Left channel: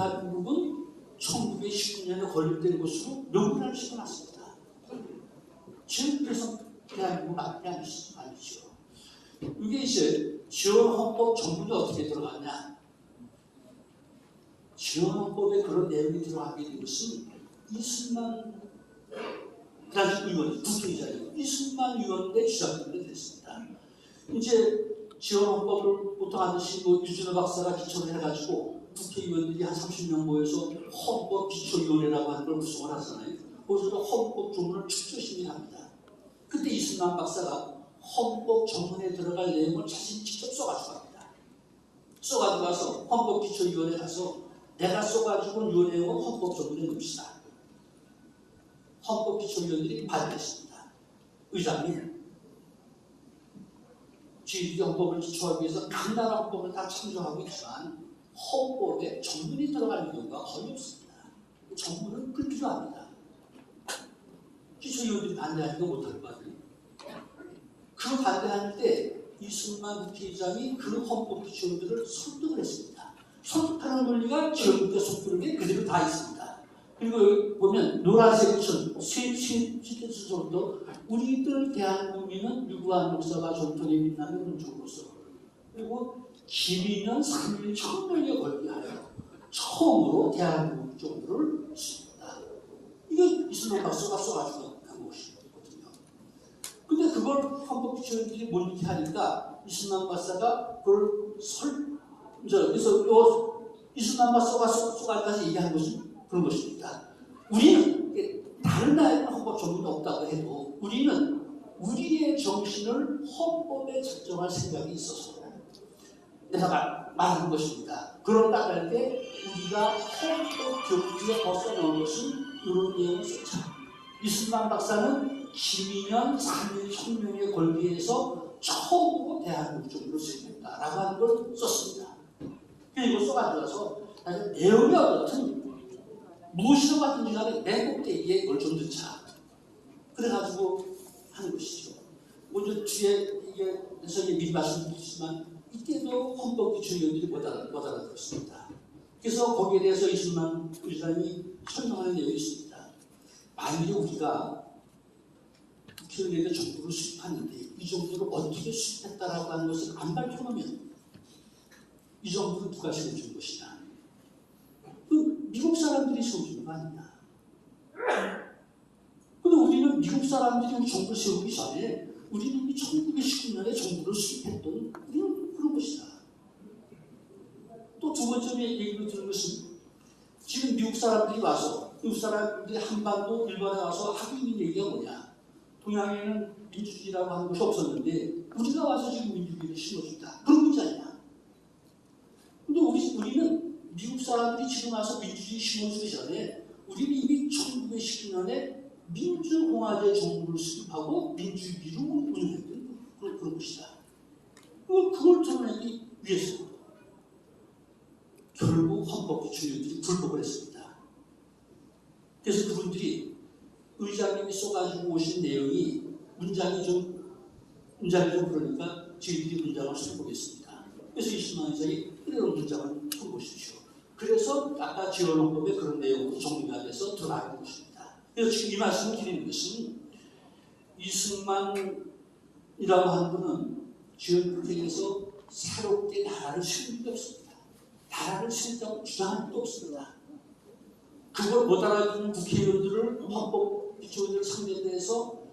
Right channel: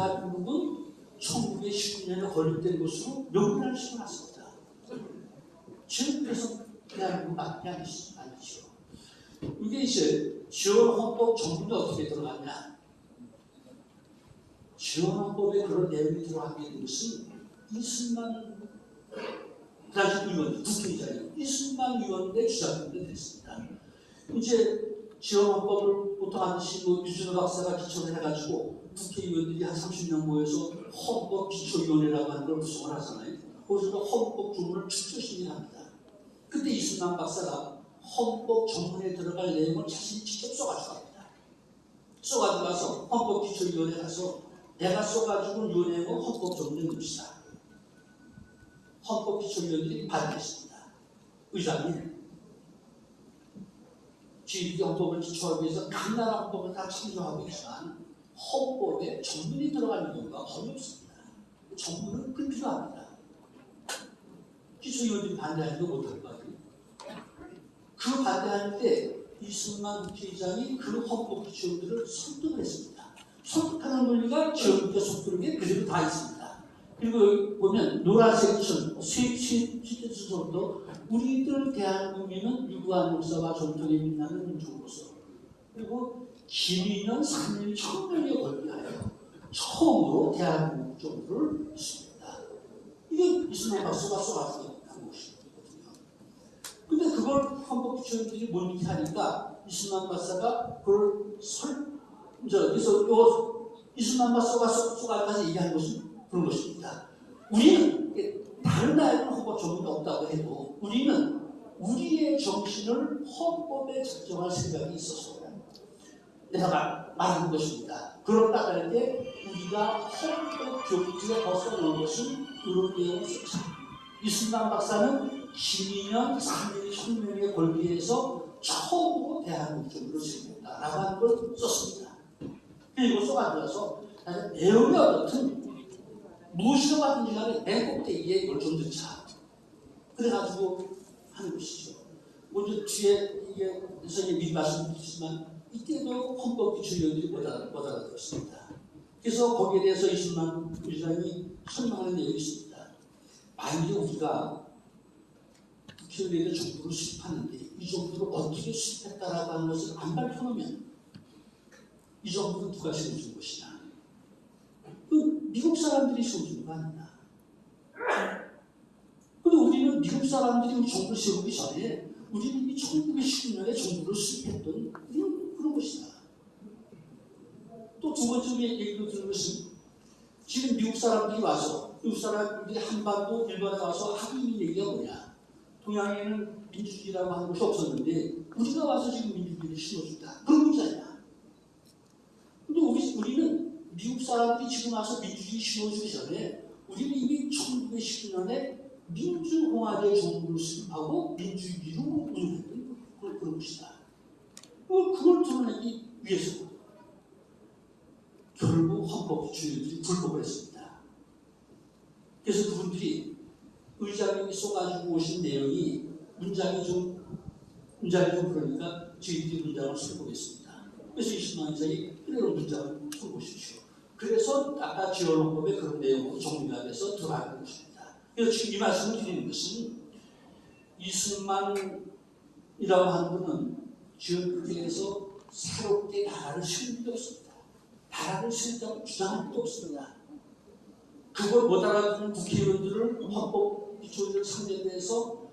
대한민국은 1919년에 건립된 것으로 명분을 심어놨습니다. 지금 그래서 대한민국 맞지 아니죠. 이게 이제 지원헌법 정부는 어떻게 들어갔냐? 지원헌법에 그런 내용이 들어가게 된 것은 이승만 당시 의원, 국회의장이요. 이승만 의원의 주장 때문에 됐습니다. 이제 지원헌법을 보통 하듯이 유준호 박사가 기초를 해가지고 국회의원들이 한 30명 모여서 헌법기초위원회라고 하는 걸 구성을 하잖아요. 거기서 헌법 조문을 축조심의합니다. 그때 이승만 박사가 헌법 조문에 들어갈 내용을 자신이 직접 써가지고 합니다. 써가지고 가서 헌법기초위원회 가서 내가 써가지고 이 내용을 헌법 조문에 넣읍시다. 헌법기초위원들이 반대했습니다. 의장님, 지휘 헌법을 기초하기 위해서 각 나라 헌법을 다 참조하고 있지만 헌법에 정문이 들어갈 경우가 거의 없습니다. 정문은 그 필요합니다. 기초위원들이 반대하니까 못할 것 같아요. 그 반대할 때 이승만 국회의장이 그 헌법기초위원들을 설득을 했습니다. 설득하는 논리가 지원국회 속도록에 그대로 다 있습니다. 그리고 여기 보면 노란색 선, 시대수서부터 우리들 대한민국은 유구한 역사와 전통에 빛나는 민족으로서 그리고 김인현 3.1 혁명에 걸리하여 처음으로 대한민국 정부를 씁니다. 이게 이승만 박사가 써가지고 한 것이거든요. 근데 그걸 헌법기초위원들이 못 믿게 하니까 이승만 박사가 그걸 그래서 이승만 박사가 써가지고 얘기한 것은 그런 것입니다. 우리는 다른 나라에는 헌법 전문이 없다고 해도 우리는 우리의 정신을 헌법에 작정할 생각이 있어서 내가 말하는 것입니다. 그렇다 할 때 우리가 헌법 교구에 벗어난 것은 이런 내용을 썼죠. 이승만 박사는 김인현 3.1 혁명에 걸기 위해서 처음으로 대한민국 정부를 세웠다라고 하는 걸 썼습니다. 그리고 써가지고서 내용이 어떻든 무엇이라고 하든지 간에 맨 꼭대기에 이걸 좀 넣자. 그래가지고 하는 것이죠. 먼저 뒤에 이게 선생님이 미리 말씀드리지만 이때도 헌법기초위원들이 못 알아들었습니다. 그래서 거기에 대해서 이승만 의장이 설명하는 내용이 있습니다. 만약에 우리가 국회의원에 정부를 수립하는데 이 정부를 어떻게 수립했다라고 하는 것을 안 밝혀놓으면 이 정부는 누가 세워준 것이냐. 미국 사람들이 세워준 거 아니냐. 근데 우리는 미국 사람들이 우리 정부를 세우기 전에 우리는 이미 1919년에 정부를 수립했던 우리는 그런 것이다. 또 두 번째 얘기로 들은 것은 지금 미국 사람들이 와서 미국 사람들이 한반도 일본에 와서 하고 있는 얘기가 뭐냐. 동양에는 민주주의라고 하는 것이 없었는데 우리가 와서 지금 민주주의를 심어준다. 그런 문제 아니야. 근데 우리는 미국 사람들이 지금 와서 민주주의 심어주기 전에 우리는 이미 1919년에 민주공화제 정부를 수립하고 민주주의로 운영했던 그런 것이다. 그걸 드러내기 위해서 결국 헌법기초위원들이 불복을 했습니다. 그래서 그분들이 의장님이 써가지고 오신 내용이 문장이 좀 그러니까 저희들이 문장을 써보겠습니다. 그래서 이승만 의장이 그대로 문장을 써보십시오. 그래서 아까 지원헌법에 그런 내용으로 정리가 돼서 들어가는 것입니다. 그래서 지금 이 말씀을 드리는 것은 이승만이라고 하는 분은 지원국회에서 새롭게 나라를 세운 게 없습니다. 나라를 세운다고 주장할 게 없습니다. 그걸 못 알아듣는 국회의원들을 헌법기초위원들 상대해서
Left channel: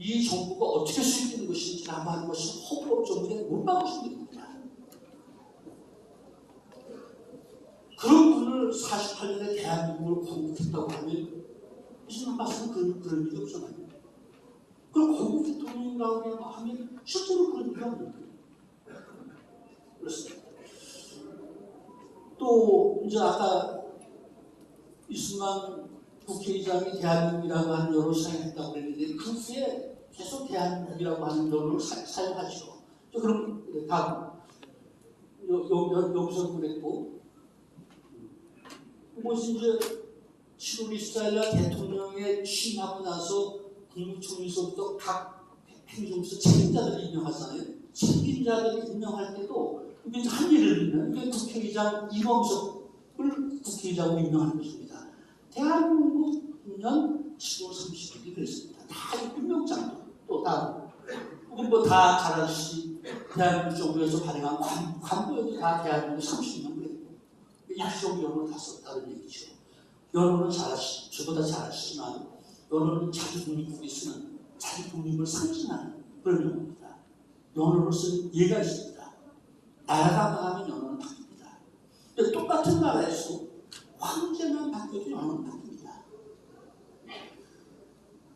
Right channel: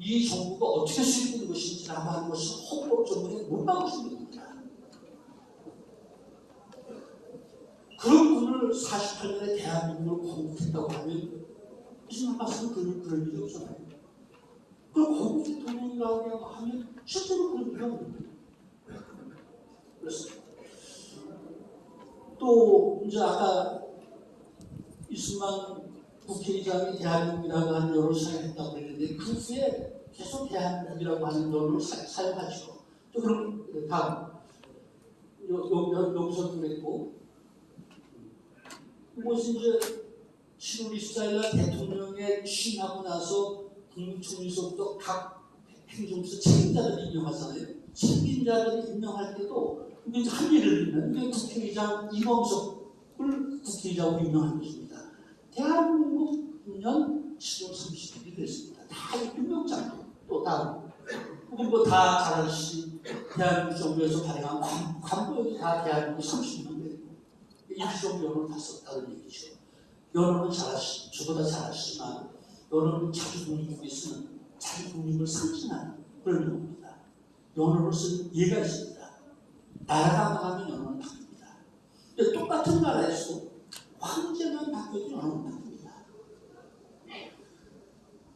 이 정부가 어떻게 수립되는 것인지라고 하는 것을 헌법 전문에 못 막으신 겁니다. 그런 분을 48년에 대한민국을 건국했다고 하면 이승만 박사는 그런 일이 없잖아요. 그럼 건국 대통령이라고 하면 실제로 그런 일이 없는 거예요. 그렇습니다. 또 이제 아까 이승만 국회의장이 대한민국이라고 하는 여론을 사용했다고 그랬는데 그 후에 계속 대한민국이라고 하는 여론을 사용하죠. 또 그럼 다음 여기서 그랬고 그것이 이제 7월 24일날 대통령의 취임하고 나서 국무총리서부터 각 행정부서 책임자들을 임명하잖아요. 책임자들을 임명할 때도 이게 한 예를 들면 국회의장 이범석을 국회의장 민주주의라고 유명한 것입니다. 대한민국 9년 7월 30일이 그랬습니다. 다 유명장도 또 다음 우리 뭐다 잘 아시지 대한민국 정부에서 발행한 광고에도 다 대한민국 30년 됐고 임시정부 연호를 다 썼다는 얘기죠. 연호는 잘 아시죠. 저보다 잘 아시지만 연호는 자기 독립국에 쓰는 자기 독립을 상징하는 그런 용어입니다. 연호로 쓴 예가 있습니다. 나라가 망하면 연호는 바뀝니다. 근데 똑같은 나라에서 황제만 바뀌어도 연호는 바뀝니다.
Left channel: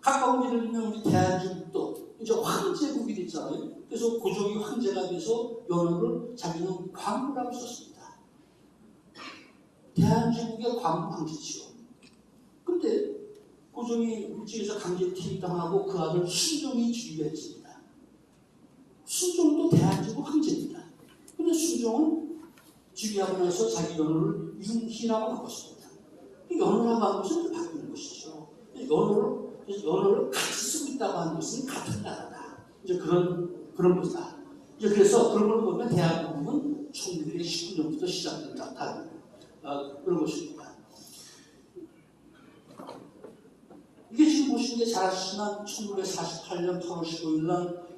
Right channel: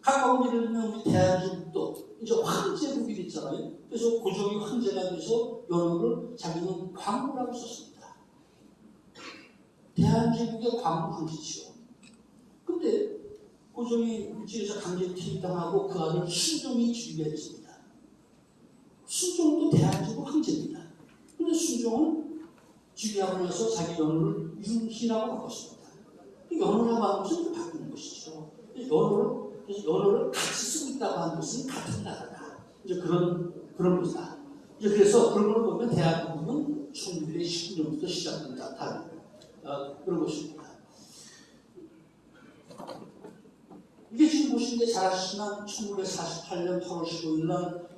가까운 예를 들면 우리 대한민국도 이제 황제국이 됐잖아요. 그래서 고종이 황제가 돼서 연호를 자기는 광무라고 썼습니다. 대한민국의 광무 황제지요. 근데 고종이 일찍에서 강제 퇴임당하고 그 아들 순종이 즉위했습니다. 순종도 대한민국 황제입니다. 근데 순종은 즉위하고 나서 자기 연호를 윤희라고 바꿨습니다. 연호라고 하는 것은 좀 바꾸는 것이죠. 연호를 같이 쓰고 있다고 하는 것은 같은 나라다. 이제 그런 거다. 이제 그래서 그런 걸 보면 대한민국은 1919년부터 시작된다. 그런 것입니다. 이게 지금 보시는 게 잘 아시지만 1948년 8월 15일 날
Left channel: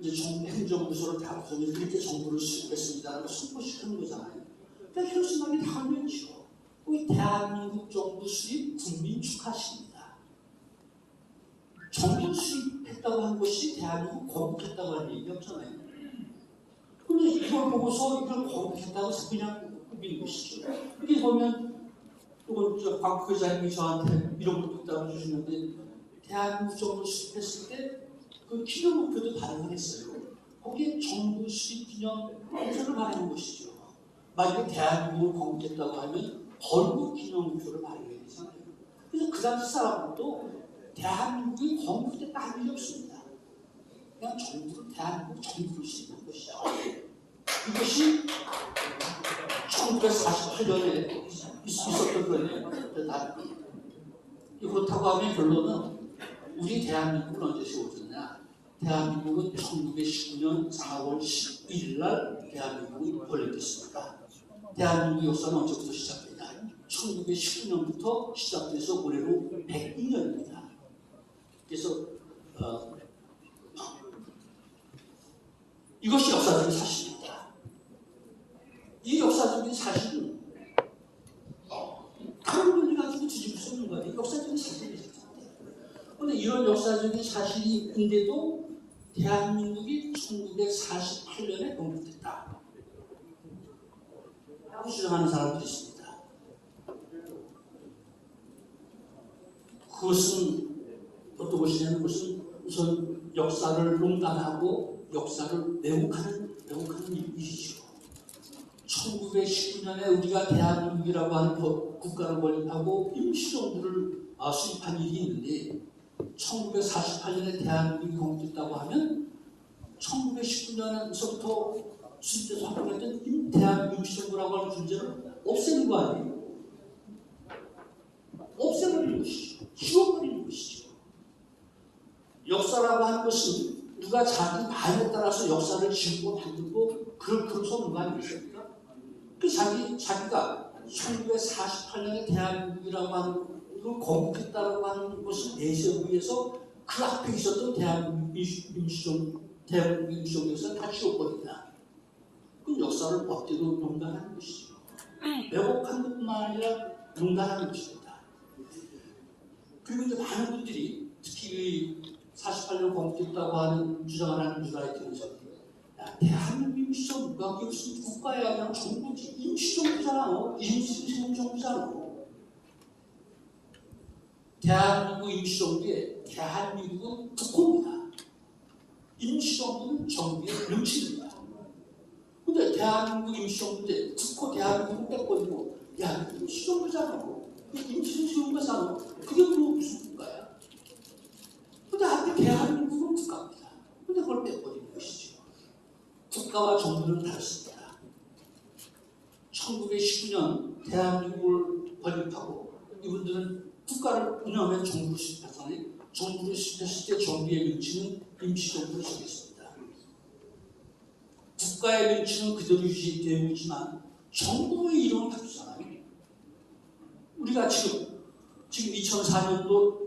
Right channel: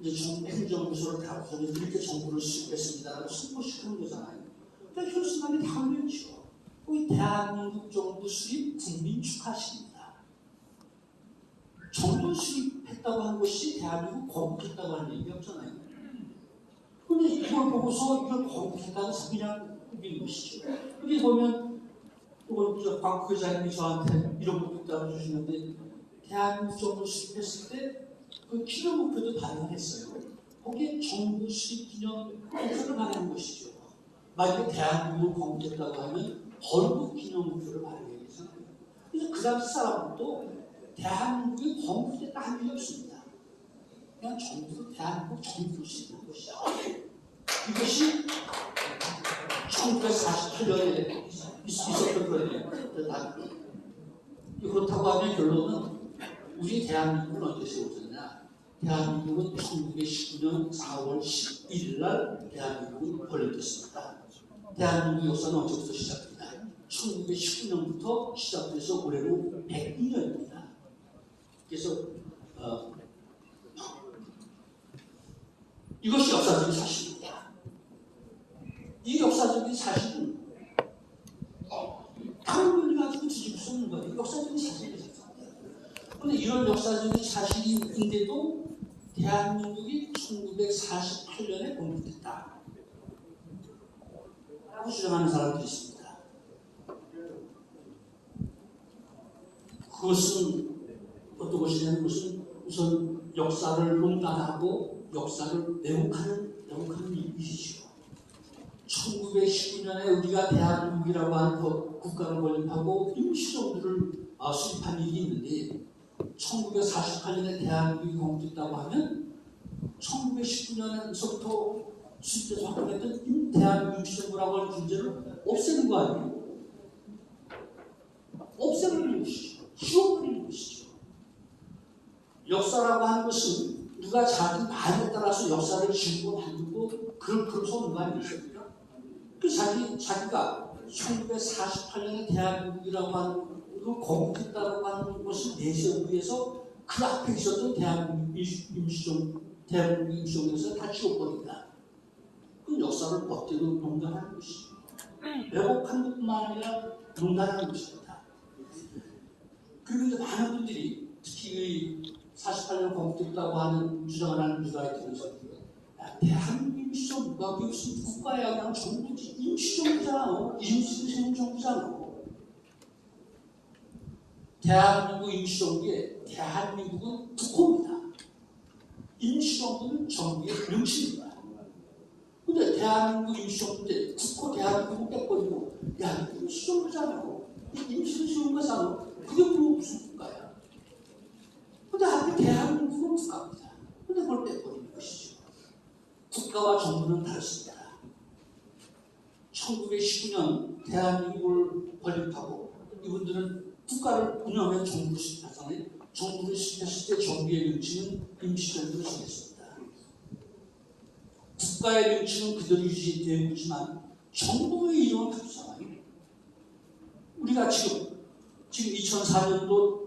이제 정부 행정부서를 다 구성해서 이렇게 정부를 수립했습니다라고 선포시키는 거잖아요. 그러니까 혈수만이 다 올렸죠. 이 대한민국 정부 수립 국민 축하식입니다. 정부 수립했다고 한 것이 대한민국 건국했다고 하는 얘기가 없잖아요. 그런데 이걸 보고서 이걸 건국했다고 그냥 꾸미는 것이죠. 여기 보면 또 박 회장님이 저한테 이런 것도 따로 주시는데 대한민국 정부 수립했을 때 그 기념목표도 발행했어요. 거기에 정부 수립 기념목표를 발행한 것이죠. 만약에 대한민국을 건국했다고 하면 건국 기념목표를 발행해야 되잖아요. 그래서 그 당시 사람들도 대한민국이 건국됐다 한 일이 없습니다. 그냥 대한민국 정부를 수립한 것이죠. 이것이 1948년에 있었던 거예요. 그렇다고 하면 결론은 우리 대한민국은 언제 세워졌냐? 대한민국은 1919년 4월 11일 날 대한민국이 건립됐습니다. 대한민국 역사는 언제부터 시작되냐? 1919년부터 시작돼서 올해로 102년입니다. 그래서 이것이 역사적인 사실입니다. 이 역사적인 사실은 다른 분이 가지고 뒤집을 수 없는 거예요. 역사적인 사실입니다. 그런데 이런 역사적인 사실인데도 대한민국이 1948년에 건국됐다 라고 주장하는 사람들이 있습니다. 그것은 어떤 것이냐면 그것은 우선 역사를 농단하고 역사를 왜곡하는 일이죠. 1919년에 우리가 대한민국이라고 하는 국가를 건립하고 임시정부를 수립한 일이 있는데 1948년에 대한민국이 건국됐다고 하면 1919년에서부터 수립돼서 활동했던 대한민국 임시정부라고 하는 존재를 없애는 거 아니에요? 없애버리는 것이죠. 지워버리는 것이죠. 역사라고 하는 것은 누가 자기 마음에 따라서 역사를 지우고 만들고 그럴 거 아니겠습니까? 자기가 1948년에 대한민국이라고 하는 걸 건국했다고 하는 것을 내세우기 위해서 그 앞에 있었던 대한민국 임시정부에서 다 지워버린다. 그 역사를 멋대로 농단하는 것이죠. 왜곡한 것뿐만 아니라 농단하는 것입니다. 그리고 이제 많은 분들이 특히 48년 건국했다고 하는 주장을 하는 뉴라이트에서 대한민국 임시정부가 무슨 국가야 그냥 정부지 임시정부잖아. 임시세운 정부잖아. 대한민국 임시정부에 대한민국은 특호입니다. 임시정부는 정부의 명칭입니다. 근데 대한민국 임시정부인데 특호 대한민국은 떼버리고 야 임시정부잖아. 임시세운 거잖아. 그게 무슨 국가야? 근데 하필 대한민국은 국가입니다. 근데 그걸 떼버리는 것이죠. 국가와 정부는 다릅니다. 1919년 대한민국을 건립하고 이분들은 국가를 운영하면 정부를 수립하잖아요. 정부를 수립했을 때 정부의 명칭은 임시정부를 정했습니다. 국가의 명칭은 그대로 유지되고 있지만 정부의 이름은 바뀌잖아요. 우리가 지금 2004년도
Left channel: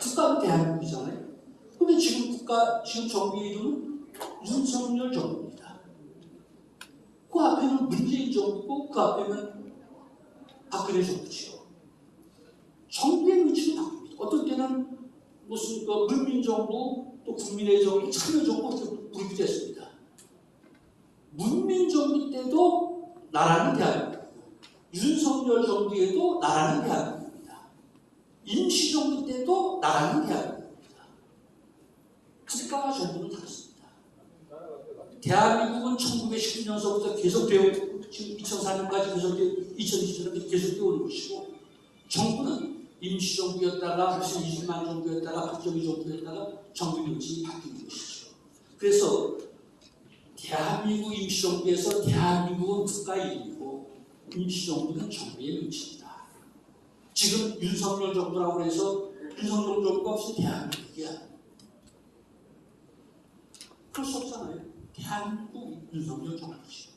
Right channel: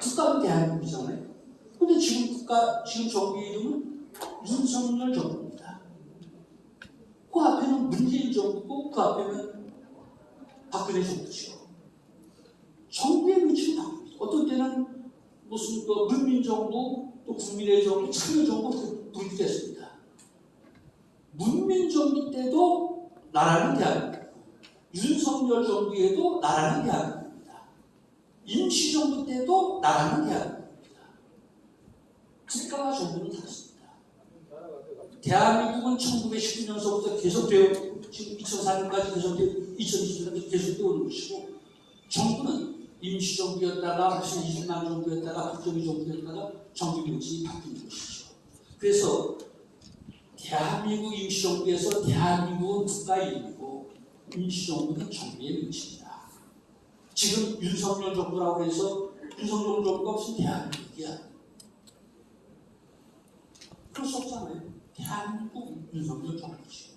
국가는 대한민국이잖아요. 근데 지금 정부 이름은 윤석열 정부입니다. 그 앞에는 문재인 정부고 그 앞에는 박근혜 정부죠. 정부의 위치가 바뀝니다. 어떤 때는 무슨 문민정부, 또 국민의 정부, 참여정부 부르기도 했습니다. 문민정부 때도 나라는 대한민국, 윤석열 정부에도 나라는 대한민국입니다. 임시정부 때도 나라는 대한민국입니다. 국가와 정부는 다릅니다. 대한민국은 1919년서부터 계속되어 지금 2004년까지 계속되어 2020년까지 계속되어 오는 것이고, 정부는 임시정부였다가 무슨 20만 정부였다가 국정기 정부였다가 정부 명칭이 바뀌는 것이죠. 그래서 대한민국 임시정부에서 대한민국은 국가 이름이고 임시정부는 정부의 명칭이다. 지금 윤석열 정부라고 해서 윤석열 정부가 무슨 대한민국이야? 그럴 수 없잖아요. 대한민국 윤석열 정부지.